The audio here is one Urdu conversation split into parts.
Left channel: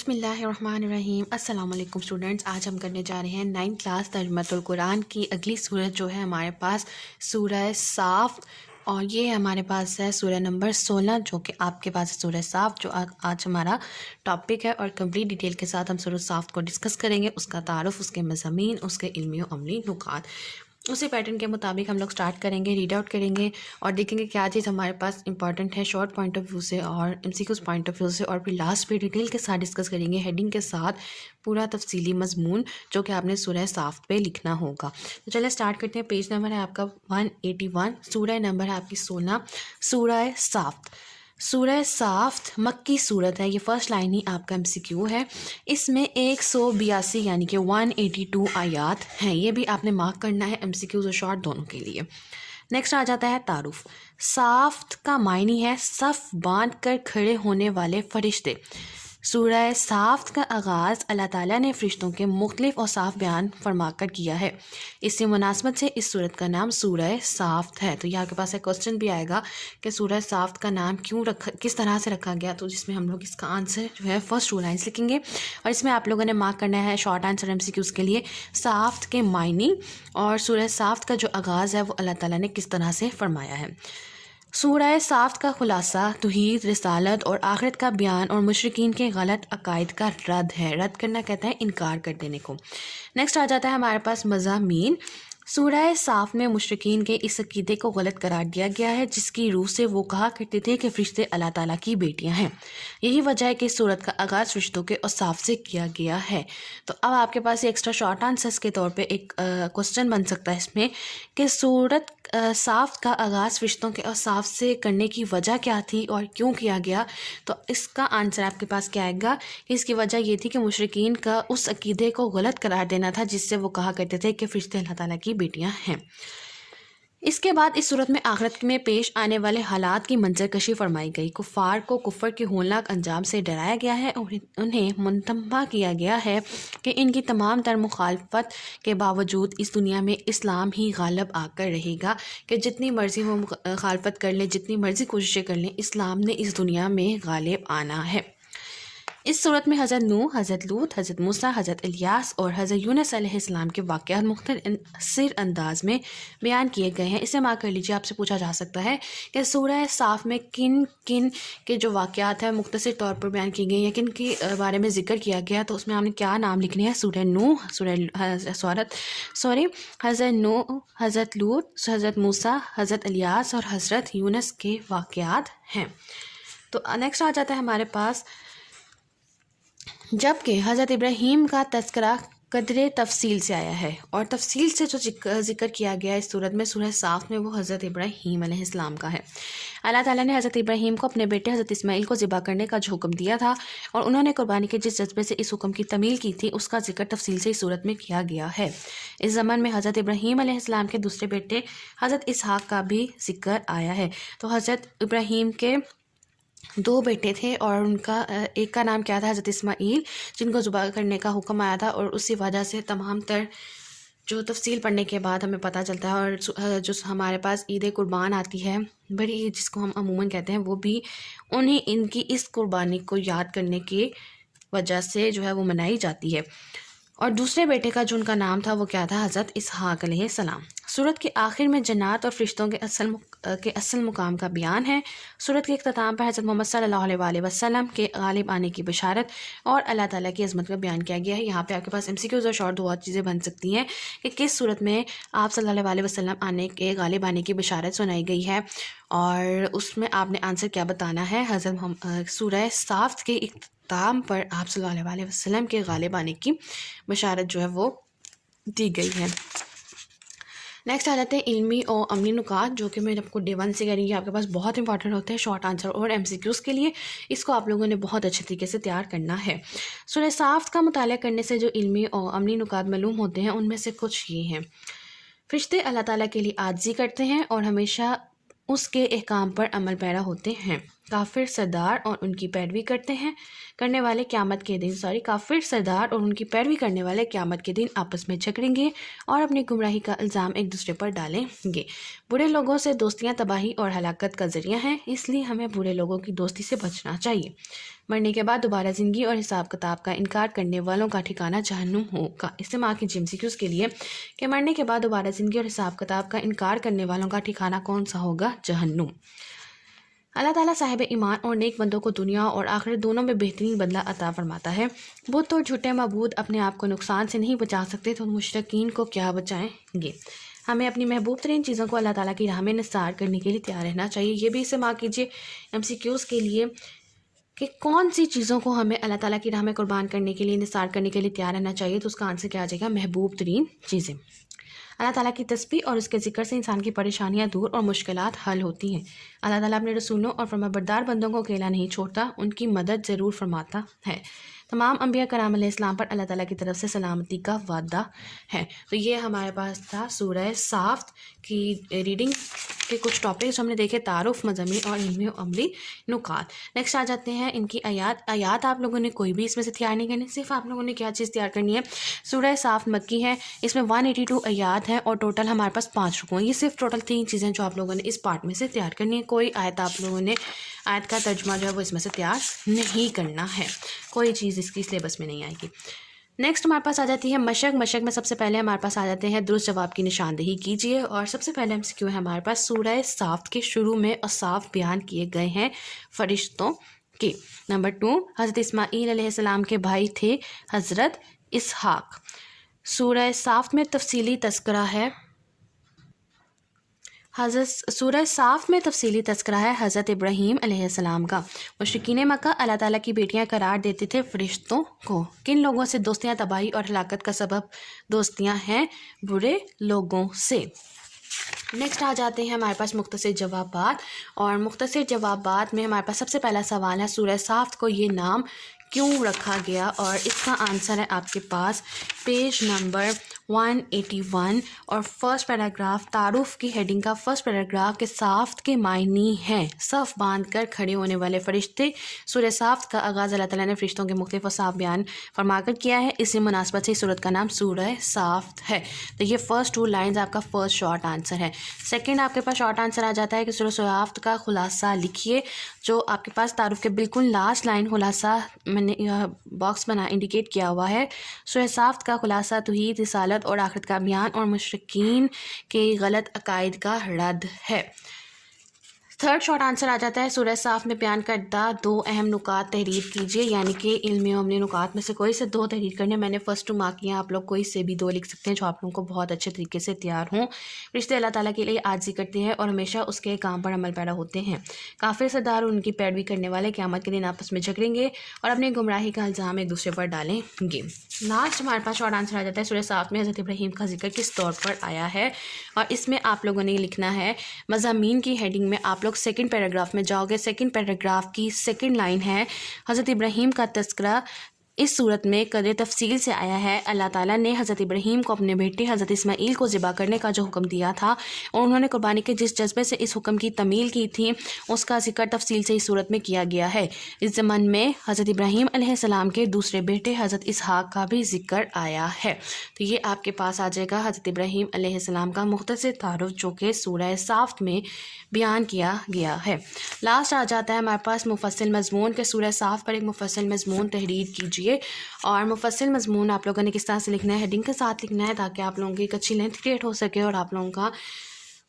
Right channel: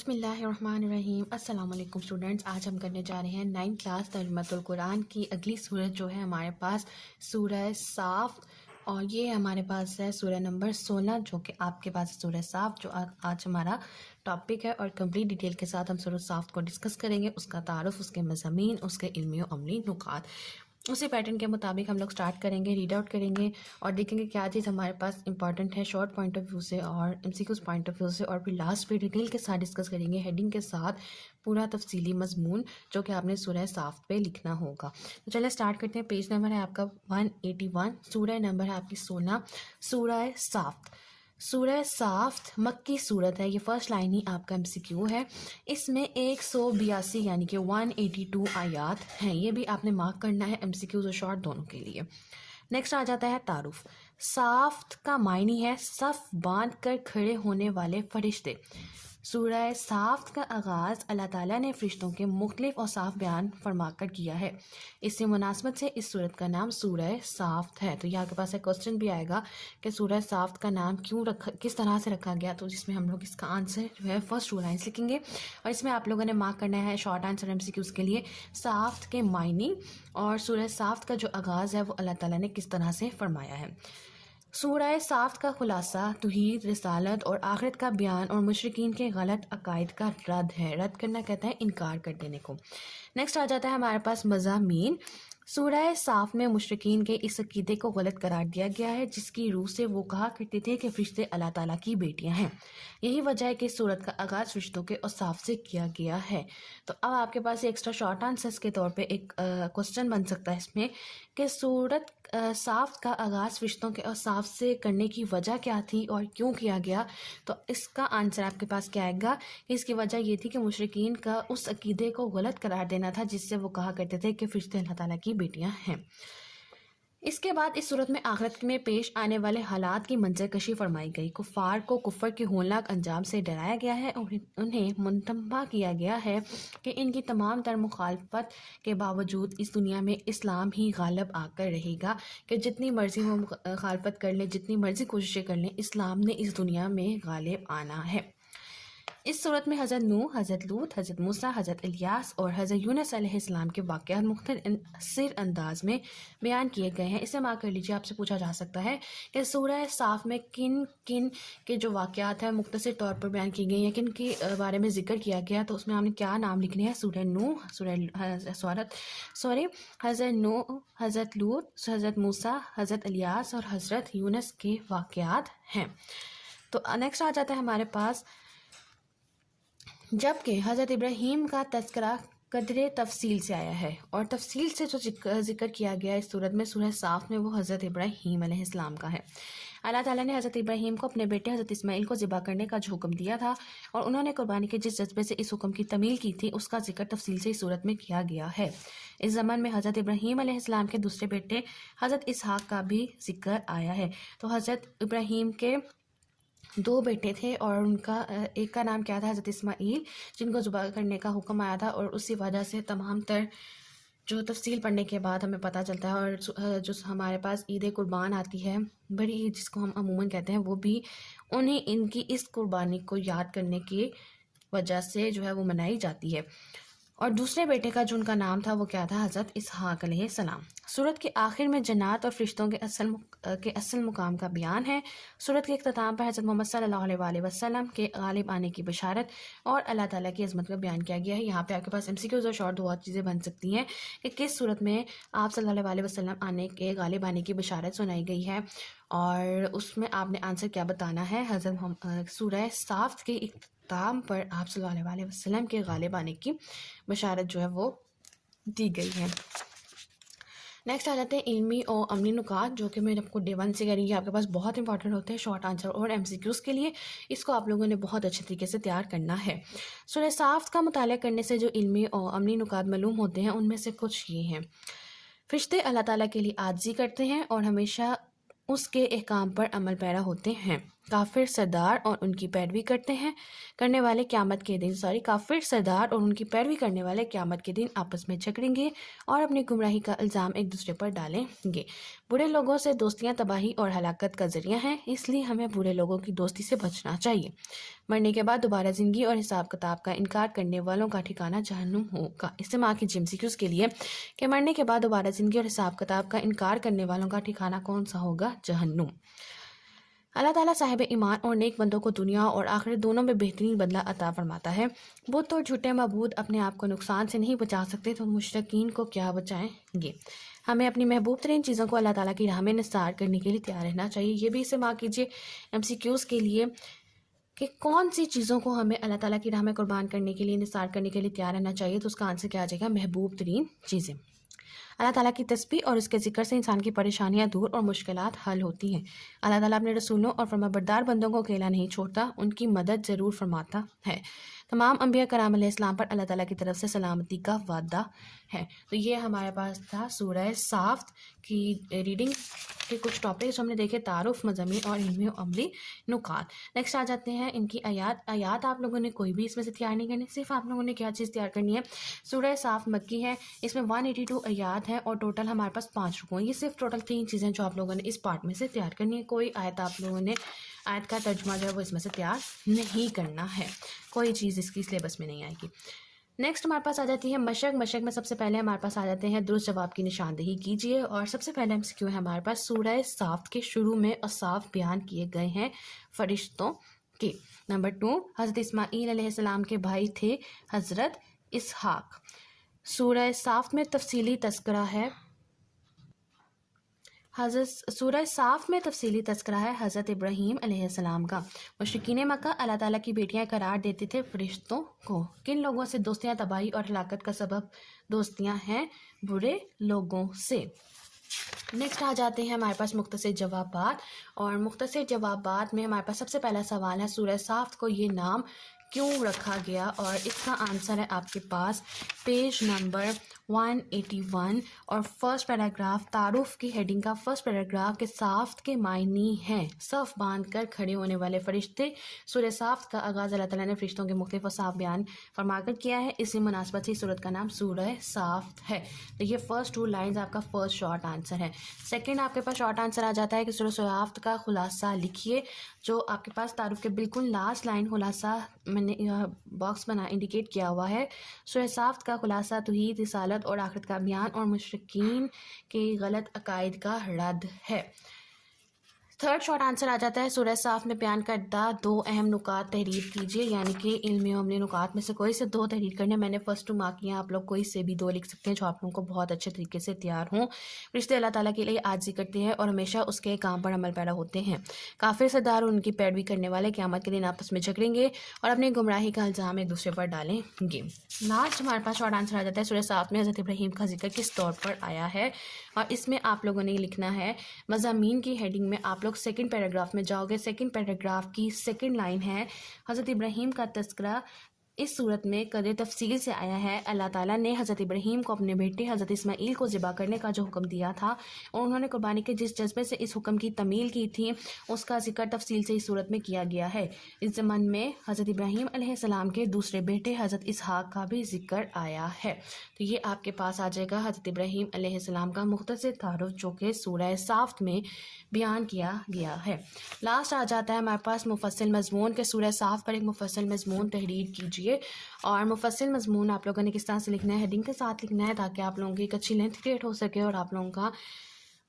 بسم اللہ الرحمن الرحیم۔ السلام علیکم اسٹوڈنٹس، آج ہم کرنے جا رہے ہیں 9 کلاس ترجمۃ القرآن کی اگلی صورت جو ہے ہمارے پاس سورہ صاف، اور یہ ہمارے پاس ہے سورہ نمبر 16 جو کہ آپ کے پاس ہے سورہ صاف، جو آج ہمارا ٹاپک ہے، اور کمپلیٹ ڈیٹیل کے ساتھ ہم سورہ صاف کو ڈسکس کریں گے، اس کا تعارف، اس کے مضامین، اس کے علمی و عملی نکات۔ اسی پیٹرن کے مطابق ہم لوگ سٹارٹ کریں گے، ریڈ آؤٹ کریں گے اور دیکھیں گے کیا چیز ہمارے پاس امپورٹنٹ ہے شارٹ پوائنٹ آف ویو سے اور M C Qs point of view سے، اور پھر لاسٹ پہ ڈیٹیل کے ساتھ ڈسکس کریں گے ہیڈنگ کے ساتھ پورا تفصیلی مضمون جو کہ آپ نے سورہ صاف پہ لکھنا ہوگا۔ تو چلیں سٹارٹ کرتے ہیں۔ پیج نمبر ہے آپ کا 181، سورہ نمبر ہے آپ کی 16، سورہ صاف۔ سورہ صاف مکی صورت ہے، یہ فرسٹ لائن ہی آپ کا ایم سی کیو ہے۔ اس میں 182 یعنی کہ 182 آیات ہیں، یہ بھی آپ نے مارک کرنا ہے ایم سی کیوز اور شارٹ دونوں کے لیے۔ نیکسٹ آ جاتا ہے تعارف۔ صافت کا معنی ہے صف باندھ کر کھڑے ہونے والے فرشتے۔ سورہ صافت کا آغاز اللہ تعالیٰ نے فرشتوں کے مختلف اوصاف بیان فرما کر کیا ہے، اس سے مناسبت سے اس سورت کا نام سورہ صافت ہے۔ تو یہاں کے پاس ایک کوسچن بھی آئے گا کہ سورہ صافت کا نام کیوں رکھا، کس طرح سے رکھا گیا، تو جس میں ہم لوگ اس کا آنسر جو ہے فرسٹ 2 لائنس لکھیں گے، اور اس میں آپ لوگوں نے مارک کرنا ہے short answer M C Qs کے لیے صافت کے معنی اور سورہ صافت کا جو آغاز ہے وہ اللہ تعالیٰ نے کس طرح سے فرمایا ہے۔ سورہ صافت کا خلاصہ توحید، رسالت اور آخرت کا بیان اور مشرکین کے غلط عقائد کا رد ہے۔ رد کرنا کہتے ہیں انکار کر دینے کو۔ نیکسٹ آ جاتا ہے ہمارے پاس مضامین۔ سورہ صاف میں مشرکین کے اس عقیدے کو غلط قرار دیا گیا ہے جس کی روح سے وہ کہا کرتے تھے کہ فرشتے اللہ تعالیٰ کی بیٹیاں ہیں۔ یہی وجہ ہے کہ اس صورت کا آغاز فرشتوں کے اوصاف سے کیا گیا ہے۔ تو اب آپ کے پاس ایکسٹرا شارٹ آنسرس کے طور پہ ایک کوسچن بن سکتا ہے اس میں کہ سورت صاف کا آغاز فرشتوں کے اوصاف سے کرنے کی وجہ کیا تھی اور کیوں کیا گیا؟ تو اس کا آنسر آپ کے پاس کیا آئے گا کہ اس کی وجہ یہ تھی کہ مشرکین کا اس عقیدے کو غلط قرار دینا تھا جس سے وہ کہا کرتے تھے کہ فرشتے اللہ تعالیٰ کی بیٹیاں ہیں۔ اس کے بعد اس صورت میں آخرت میں پیش آنے والے حالات کی منظر کشی فرمائی گئی۔ کفار کو کفر کے ہولناک انجام سے ڈرایا گیا ہے اور انہیں منتبہ کیا گیا ہے کہ ان کی تمام تر مخالفت کے باوجود اس دنیا میں اسلام ہی غالب آ کر رہے گا، کہ جتنی مرضی وہ مخالفت کر لیں، جتنی مرضی کوششیں کر لیں، اسلام نے اس دنیا میں غالب آنا ہے۔ اس صورت میں حضرت نوح، حضرت لوط، حضرت موسیٰ، حضرت الیاس اور حضرت یونس علیہ السلام کے واقعات مختصر انداز میں بیان کیے گئے ہیں۔ اسے مارک کر لیجیے، آپ سے پوچھا جا سکتا ہے کہ سورہ صاف میں کن کن کے جو واقعات ہیں مختصر طور پر بیان کی گئی ہیں، کن کے بارے میں ذکر کیا گیا، تو اس میں ہم نے کیا نام لکھنے ہیں؟ سورہ نوح، حضرت نوح، حضرت لوط، حضرت موسیٰ، حضرت الیاس اور حضرت یونس کے واقعات ہیں۔ تو نیکسٹ آ جاتا ہے ہمارے پاس جبکہ حضرت ابراہیم کا تذکرہ قدرے تفصیل سے آیا ہے، اور تفصیل سے جو ذکر کیا گیا اس صورت میں سورہ صاف میں وہ حضرت ابراہیم علیہ السلام کا ہے۔ اللہ تعالیٰ نے حضرت ابراہیم کو اپنے بیٹے حضرت اسماعیل کو ذبح کرنے کا جو حکم دیا تھا اور انہوں نے قربانی کے جس جذبے سے اس حکم کی تعمیل کی تھی اس کا ذکر تفصیل سے اس صورت میں کیا گیا ہے۔ اس زمن میں حضرت ابراہیم علیہ السلام کے دوسرے بیٹے حضرت اسحاق کا بھی ذکر آیا ہے۔ تو حضرت ابراہیم کے 2 بیٹے تھے اور ان کا ایک کا نام کیا تھا؟ حضرت اسماعیل، جن کو ذبح کرنے کا حکم آیا تھا، اور اسی وجہ سے تمام تر جو تفصیل پڑھنے کے بعد ہمیں پتہ چلتا ہے، اور جو ہمارے پاس عید قربان آتی ہے بڑی عید جس کو ہم عموماً کہتے ہیں، وہ بھی انہیں ان کی اس قربانی کو یاد کرنے کی وجہ سے جو ہے وہ منائی جاتی ہے۔ اور دوسرے بیٹے کا جو ان کا نام تھا وہ کیا تھا؟ حضرت اسحاق علیہ السلام۔ سورت کے آخر میں جنات اور فرشتوں کے اصل مقام کا بیان ہے۔ سورت کے اختتام پر حضرت محمد صلی اللہ علیہ وآلہ وسلم کے غالب آنے کی بشارت اور اللہ تعالیٰ کی عظمت کا بیان کیا گیا ہے۔ یہاں پہ آپ کے پاس ایم سی کیوز اور شارٹ 2 چیزیں بن سکتی ہیں کہ کس صورت میں آپ صلی اللہ علیہ وسلم غالب آنے کی بشارت سنائی گئی ہے، اور اس میں آپ نے آنسر کیا بتانا ہے؟ حضرت سورہ صاف کے اختتام پر آپ صلی اللہ علیہ وسلم کے غالب آنے کی بشارت جو ہے وہ دی گئی ہے۔ نیکسٹ آ جاتے ہیں علمی اور عملی نکات، جو کہ میں آپ کو ڈے 1 سے کہہ رہی ہوں، آپ کے پاس بہت انپورٹنٹ ہوتے ہیں شارٹ آنسر اور ایم سی کیوز کے لیے، اس کو آپ لوگوں نے بہت اچھے طریقے سے تیار کرنا ہے۔ سورہ صاف کا مطالعہ کرنے سے جو علمی اور عملی نکات معلوم ہوتے ہیں ان میں سے کچھ یہ ہیں۔ فرشتے اللہ تعالیٰ کے لیے عاجزی کرتے ہیں اور ہمیشہ اس کے احکام پر عمل پیرا ہوتے ہیں۔ کافر سردار اور ان کی پیروی کرنے والے قیامت کے دن آپس میں جھگڑیں گے اور اپنی گمراہی کا الزام ایک دوسرے پر ڈالیں گے۔ برے لوگوں سے دوستیاں تباہی اور ہلاکت کا ذریعہ ہیں، اس لیے ہمیں برے لوگوں کی دوستی سے بچنا چاہیے۔ مرنے کے بعد دوبارہ زندگی اور حساب کتاب کا انکار کرنے والوں کا ٹھکانہ جہنم ہوگا۔ استعمال کیجیے MCQs کے لیے کہ مرنے کے بعد دوبارہ زندگی اور حساب کتاب کا انکار کرنے والوں کا ٹھکانہ کون سا ہوگا؟ جہنم۔ اللہ تعالیٰ صاحب ایمان اور نیک بندوں کو دنیا اور آخرت دونوں میں بہترین بدلہ عطا فرماتا ہے۔ بت اور جھوٹے معبود اپنے آپ کو نقصان سے نہیں بچا سکتے تو مشرکین کو کیا بچائیں گے؟ ہمیں اپنی محبوب ترین چیزوں کو اللہ تعالیٰ کی راہ میں نثار کرنے کے لیے تیار رہنا چاہیے۔ یہ بھی استعمال کیجیے MCQs کے لیے کہ کون سی چیزوں کو ہمیں اللہ تعالیٰ کی راہ میں قربان کرنے کے لیے نثار کرنے کے لیے تیار رہنا چاہیے، تو اس کا آنسر کیا آ جائے گا؟ محبوب ترین چیزیں۔ اللہ تعالیٰ کی تسبیح اور اس کے ذکر سے انسان کی پریشانیاں دور اور مشکلات حل ہوتی ہیں۔ اللہ تعالیٰ اپنے رسولوں اور فرمانبردار بندوں کو اکیلا نہیں چھوڑتا، ان کی مدد ضرور فرماتا ہے۔ تمام انبیاء کرام علیہ السلام پر اللہ تعالیٰ کی طرف سے سلامتی کا وعدہ ہے۔ تو یہ ہمارے پاس تھا سورہ صافت کی ریڈنگ کے کچھ ٹاپکس ہم نے دیکھے، تعارف، مضامین اور علمی و عملی نکات۔ نیکسٹ آ جاتے ہیں ان کی آیات آپ لوگوں نے کوئی بھی اس میں سے تیار نہیں کرنی، صرف آپ لوگوں نے کیا چیز تیار کرنی ہے؟ سورہ صافت مکی ہے، اس میں 182 آیات ہیں اور ٹوٹل ہمارے پاس 5 رکوع ہیں۔ یہ صرف ٹوٹل 3 چیزیں جو آپ لوگوں نے اس پارٹ میں سے تیار کرنی ہے۔ کوئی آیت آپ لوگوں نے آیت کا ترجمہ جو ہے وہ اس میں سے تیار نہیں کرنا ہے، کوئی چیز اس کی سلیبس میں نہیں آئے گی۔ نیکسٹ ہمارے پاس آ جاتی ہے مشق میں سب سے پہلے ہمارے پاس آ جاتے ہیں درست جواب کی نشاندہی کیجیے، اور سب سے پہلے MCQ ہے ہمارے پاس سورہ صافت کے شروع میں اوصاف بیان کیے گئے ہیں فرشتوں کے۔ نمبر 2، حضرت اسماعیل علیہ السلام کے بھائی تھے حضرت اسحاق۔ سورہ صافت میں تفصیلی تذکرہ ہے حضرت ابراہیم علیہ السلام کا۔ مشرکین مکہ اللہ تعالیٰ کی بیٹیاں قرار دیتے تھے فرشتوں کو۔ کن لوگوں سے دوستیاں تباہی اور ہلاکت کا سبب دوستیاں ہیں؟ برے لوگوں سے۔ نیکسٹ آ جاتے ہیں ہمارے پاس مختصر جوابات، اور مختصر جوابات میں ہمارے پاس سب سے پہلا سوال ہے سورہ صافت کو یہ نام کیوں رکھا گیا، اور اس کا آنسر ہے آپ کے پاس پیج نمبر 181 اور فرسٹ پیراگراف تعارف کی ہیڈنگ کا فرسٹ پیراگراف کے صافت کے معنی ہیں صف باندھ کر کھڑے ہونے والے فرشتے۔ سورہ صافت کا آغاز اللہ تعالیٰ نے فرشتوں کے مختلف اوصاف بیان فرما کر کیا ہے، اسی مناسبت سے سورت کا نام سورہ صافت ہے۔ تو یہ فرسٹ 2 لائنز آپ کا فرسٹ شارٹ آنسر ہے۔ سیکنڈ آپ کے پاس شارٹ آنسر آ جاتا ہے کہ سورہ صافت کا خلاصہ لکھیے، جو آپ کے پاس تعارف کے بالکل لاسٹ لائن خلاصہ میں نے باکس بنا انڈیکیٹ کیا ہوا ہے۔ سورہ صافت کا خلاصہ توحید، رسالت اور آخرت کا بیان اور مشرکین کے غلط عقائد کا رد ہے۔ تھرڈ شارٹ آنسر آ جاتا ہے سورہ صافت میں بیان کردہ 2 اہم نکات تحریر کیجیے، یعنی کہ علمی و عملی نکات میں سے کوئی سے 2 تحریر کرنے۔ میں نے فرسٹ 2 مارک کیا، آپ لوگ کوئی سے بھی 2 لکھ سکتے ہیں جو آپ لوگوں کو بہت اچھے طریقے سے تیار ہوں۔ رشتے اللہ تعالیٰ کے لیے عاجزی کرتے ہیں اور ہمیشہ اس کے کام پر عمل پیرا ہوتے ہیں۔ کافر سردار اور ان کی پیروی کرنے والے قیامت کے دن آپس میں جھگڑیں گے اور اپنی گمراہی کا الزام ایک دوسرے پر ڈالیں گے۔ لاسٹ ہمارے پاس شارٹ آنسر آ جاتا ہے سورہ صافت میں حضرت ابراہیم کا ذکر کس طور پر آیا ہے، اور اس میں آپ لوگوں نے لکھنا ہے مضامین کی ہیڈنگ میں آپ لوگ سیکنڈ پیراگراف میں جاؤ گے۔ سیکنڈ پیراگراف کی سیکنڈ لائن ہے حضرت ابراہیم کا تذکرہ اس صورت میں قدر تفصیل سے آیا ہے۔ اللہ تعالیٰ نے حضرت ابراہیم کو اپنے بیٹے حضرت اسماعیل کو ذبح کرنے کا جو حکم دیا تھا اور انہوں نے قربانی کے جس جذبے سے اس حکم کی تعمیل کی تھی، اس کا ذکر تفصیل سے اس صورت میں کیا گیا ہے۔ اس ضمن میں حضرت ابراہیم علیہ السلام کے دوسرے بیٹے حضرت اسحاق کا بھی ذکر آیا ہے۔ تو یہ آپ کے پاس آ جائے گا حضرت ابراہیم علیہ السلام کا مختصر تعارف جو کہ سورہ صافت میں بیان کیا گیا ہے۔ لاسٹ آ جاتا ہے ہمارے پاس مفصل مضمون کے سورہ صافت پر ایک مفصل مضمون تحریر کیجیے، اور مفصل مضمون آپ لوگوں نے کس طرح سے لکھنا ہے؟ ہیڈنگ کے ساتھ لکھنا ہے تاکہ آپ لوگوں کی ایک اچھی لینتھ کریٹ ہو سکے اور آپ لوگوں کا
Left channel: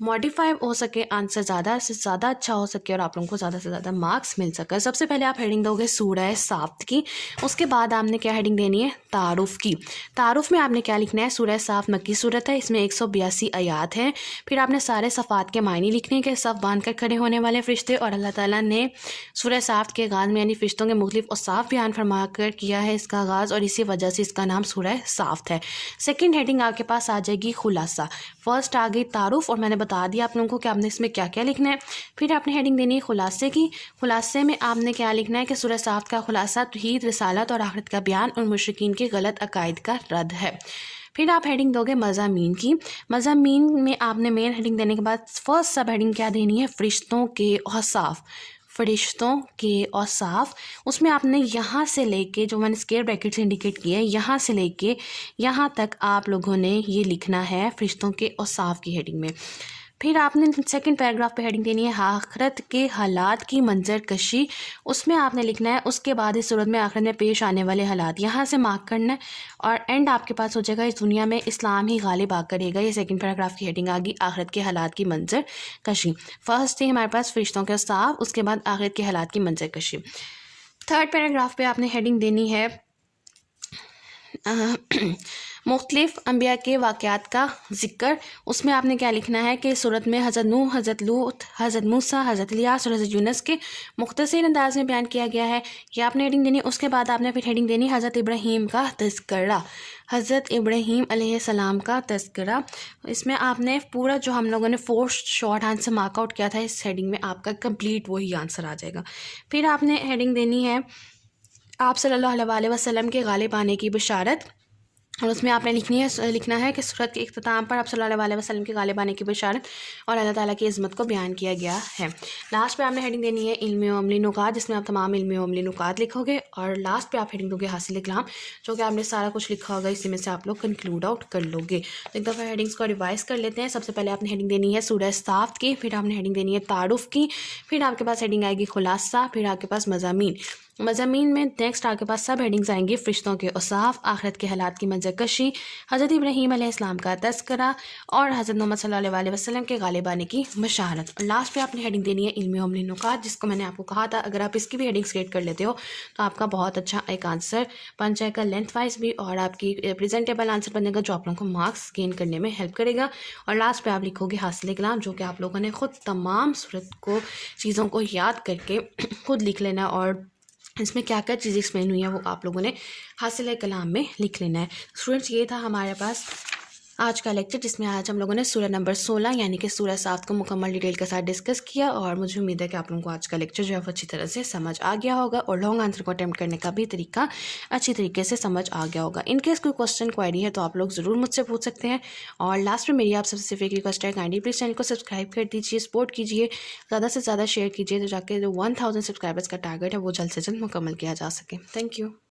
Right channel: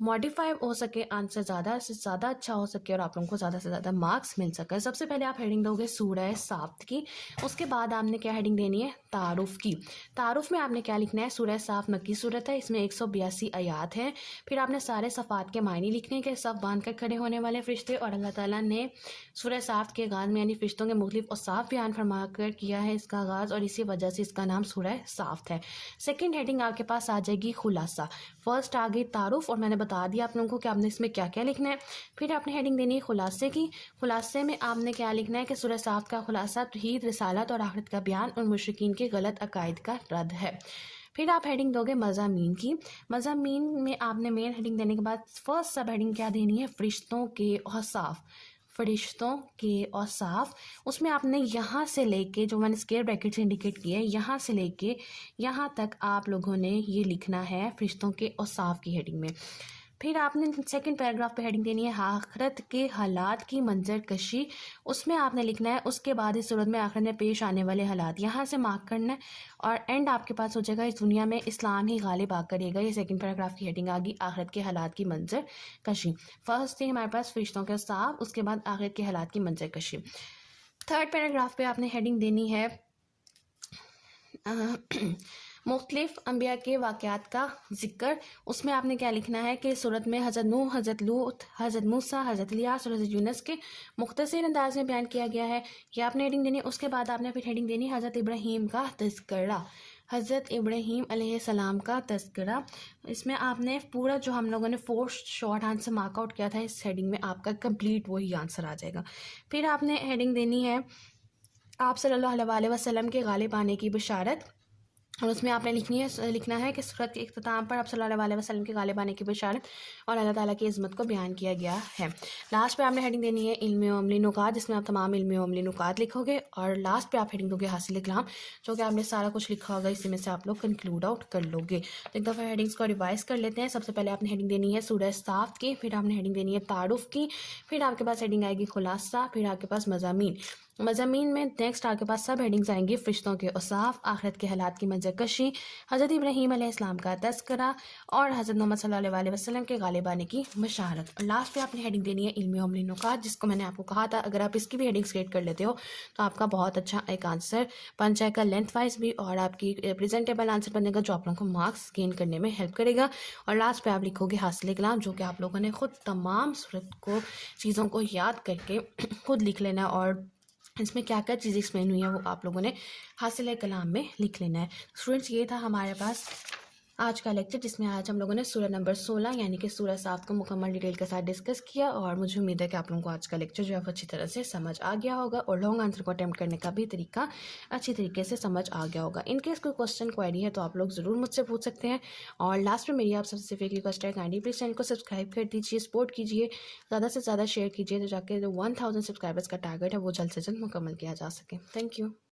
ماڈیفائی ہو سکے، آنسر زیادہ سے زیادہ اچھا ہو سکے اور آپ لوگوں کو زیادہ سے زیادہ مارکس مل سکے۔ سب سے پہلے آپ ہیڈنگ دو گے سورہ صافت کی، اس کے بعد آپ نے کیا ہیڈنگ دینی ہے؟ تعارف کی۔ تعارف میں آپ نے کیا لکھنا ہے؟ سورہ صافت مکی صورت ہے، اس میں 182 آیات ہیں۔ پھر آپ نے سارے صفات کے معنی لکھنے کے، صف باندھ کر کھڑے ہونے والے فرشتے، اور اللہ تعالیٰ نے سورہ صافت کے آغاز میں یعنی فرشتوں کے مختلف اوصاف بیان فرما کر کیا ہے اس کا آغاز، اور اسی وجہ سے اس کا نام سورہ صافت ہے۔ سیکنڈ ہیڈنگ آپ کے پاس آ جائے گی خلاصہ۔ فرسٹ آ گئی تعارف، اور میں نے بتا دیا آپ لوگوں کو کہ آپ نے اس میں کیا کیا لکھنا ہے۔ پھر آپ نے ہیڈنگ دینی ہے خلاصے کی۔ خلاصے میں آپ نے کیا لکھنا ہے کہ سورہ صافت کا خلاصہ توحید، رسالت اور آخرت کا بیان اور مشرکین کے غلط عقائد کا رد ہے۔ پھر آپ ہیڈنگ دو گے مضامین کی۔ مضامین میں آپ نے مین ہیڈنگ دینے کے بعد فرسٹ سب ہیڈنگ کیا دینی ہے؟ فرشتوں کے اوصاف۔ فرشتوں کے اوصاف، اس میں آپ نے یہاں سے لے کے جو میں نے اسکیئر بریکٹ سے انڈیکیٹ کیا ہے، یہاں سے لے کے یہاں تک آپ لوگوں نے یہ لکھنا ہے فرشتوں کے اوصاف کی ہیڈنگ میں۔ پھر آپ نے سیکنڈ پیراگراف پہ ہیڈنگ دینی ہے آخرت کے حالات کی منظر کشی. اس میں آپ نے لکھنا ہے اس کے بعد اس صورت میں آخرت میں پیش آنے والے حالات، یہاں سے مارک کرنا ہے اور اینڈ آپ کے پاس ہو جائے گا اس دنیا میں اسلام ہی غالب آ کرے گا. یہ سیکنڈ پیراگراف کی ہیڈنگ آ گئی آخرت کے حالات کی منظر کشی. فرسٹ تھی ہمارے پاس فرشتوں کے صاف، اس کے بعد آخرت کے حالات کی منظر کشی. تھرڈ پیراگراف پہ آپ نے ہیڈنگ دینی ہے مختلف انبیاء کے واقعات کا ذکر. اس میں آپ نے کیا لکھنا ہے کہ صورت میں حضرت نوح، حضرت لوط، حضرت موسیٰ، حضرت الیاس اور حضرت یونس کے مختصر انداز میں بیان کیا گیا ہے. یہ آپ نے ہیڈنگ دینی. اس کے بعد آپ نے پھر ہیڈنگ دینی حضرت ابراہیم کا تذکرہ، حضرت ابراہیم علیہ السلام کا تذکرہ. اس میں آپ نے پورا جو ہم لوگوں نے 4 شارٹ آنسر مارک آؤٹ کیا تھا اس ہیڈنگ میں آپ کا کمپلیٹ وہی آنسر آ جائے گا. پھر آپ نے ہیڈنگ دینی ہے آپ صلی اللہ علیہ وسلم کے غالب آنے کی بشارت، اور اس میں آپ نے لکھنا ہے کہ سورت کے اختتام پر آپ صلی اللہ علیہ وسلم کے غالب آنے کی بشارت اور اللہ تعالیٰ کی عظمت کو بیان کیا گیا ہے. لاسٹ پہ آپ نے ہیڈنگ دینی ہے علم و عملی نکات، جس میں آپ تمام علم و عملی نکات لکھو گے، اور لاسٹ پہ آپ ہیڈنگ دو گے حاصل کلام، جو کہ آپ نے سارا کچھ لکھا ہوگا اسی میں سے آپ لوگ کنکلوڈ آؤٹ کر لو گے. تو ایک دفعہ ہیڈنگس کو ریوائز کر لیتے ہیں. سب سے پہلے آپ نے ہیڈنگ دینی ہے سورہ صافت کی، پھر آپ نے ہیڈنگ دینی ہے تعارف کی، پھر آپ کے پاس ہیڈنگ آئے گی خلاصہ، پھر آپ کے پاس مضامین میں نیکسٹ آپ کے پاس سب ہیڈنگز آئیں گی فرشتوں کے اوصاف، آخرت کے حالات کی منظر کشی، حضرت ابراہیم علیہ السلام کا تذکرہ اور حضرت محمد صلی اللہ علیہ وسلم کے غالب آنے کی بشارت. اور لاسٹ پہ آپ نے ہیڈنگ دینی ہے علم و عملی نکات، جس کو میں نے آپ کو کہا تھا اگر آپ اس کی بھی ہیڈنگس کریٹ کر لیتے ہو تو آپ کا بہت اچھا ایک آنسر بن جائے گا لینتھ وائز بھی، اور آپ کی پریزنٹیبل آنسر بنے گا جو آپ لوگوں کو مارکس گین کرنے میں ہیلپ کرے گا. اور لاسٹ پہ آپ لکھو گے حاصل کلام، جو کہ آپ لوگوں نے خود تمام صورت کو چیزوں کو یاد کر کے خود لکھ لینا، اور اس میں کیا کیا چیزیں ایکسپلین ہوئی ہیں وہ آپ لوگوں نے حاصل کلام میں لکھ لینا ہے. اسٹوڈنٹس یہ تھا ہمارے پاس آج کا لیکچر، جس میں آج ہم لوگوں نے سورہ نمبر 16 یعنی کہ سورہ صافت کو مکمل ڈیٹیل کے ساتھ ڈسکس کیا، اور مجھے امید ہے کہ آپ لوگوں کو آج کا لیکچر جو ہے وہ اچھی طرح سے سمجھ آ گیا ہوگا، اور لانگ آنسر کو اٹیمپٹ کرنے کا بھی طریقہ اچھی طریقے سے سمجھ آ گیا ہوگا. ان کیس کوئی کوسچن کوائری ہے تو آپ لوگ ضرور مجھ سے پوچھ سکتے ہیں. اور لاسٹ میں میری آپ سب سے ایک ریکویسٹ ہے، کائنڈلی پلیز چینل کو سبسکرائب کر دیجیے، سپورٹ کیجیے، زیادہ سے زیادہ شیئر کیجیے، تو جا کے جو 1000 سبسکرائبرس کا ٹارگیٹ ہے وہ جلد سے جلد مکمل کیا جا سکے. Thank you.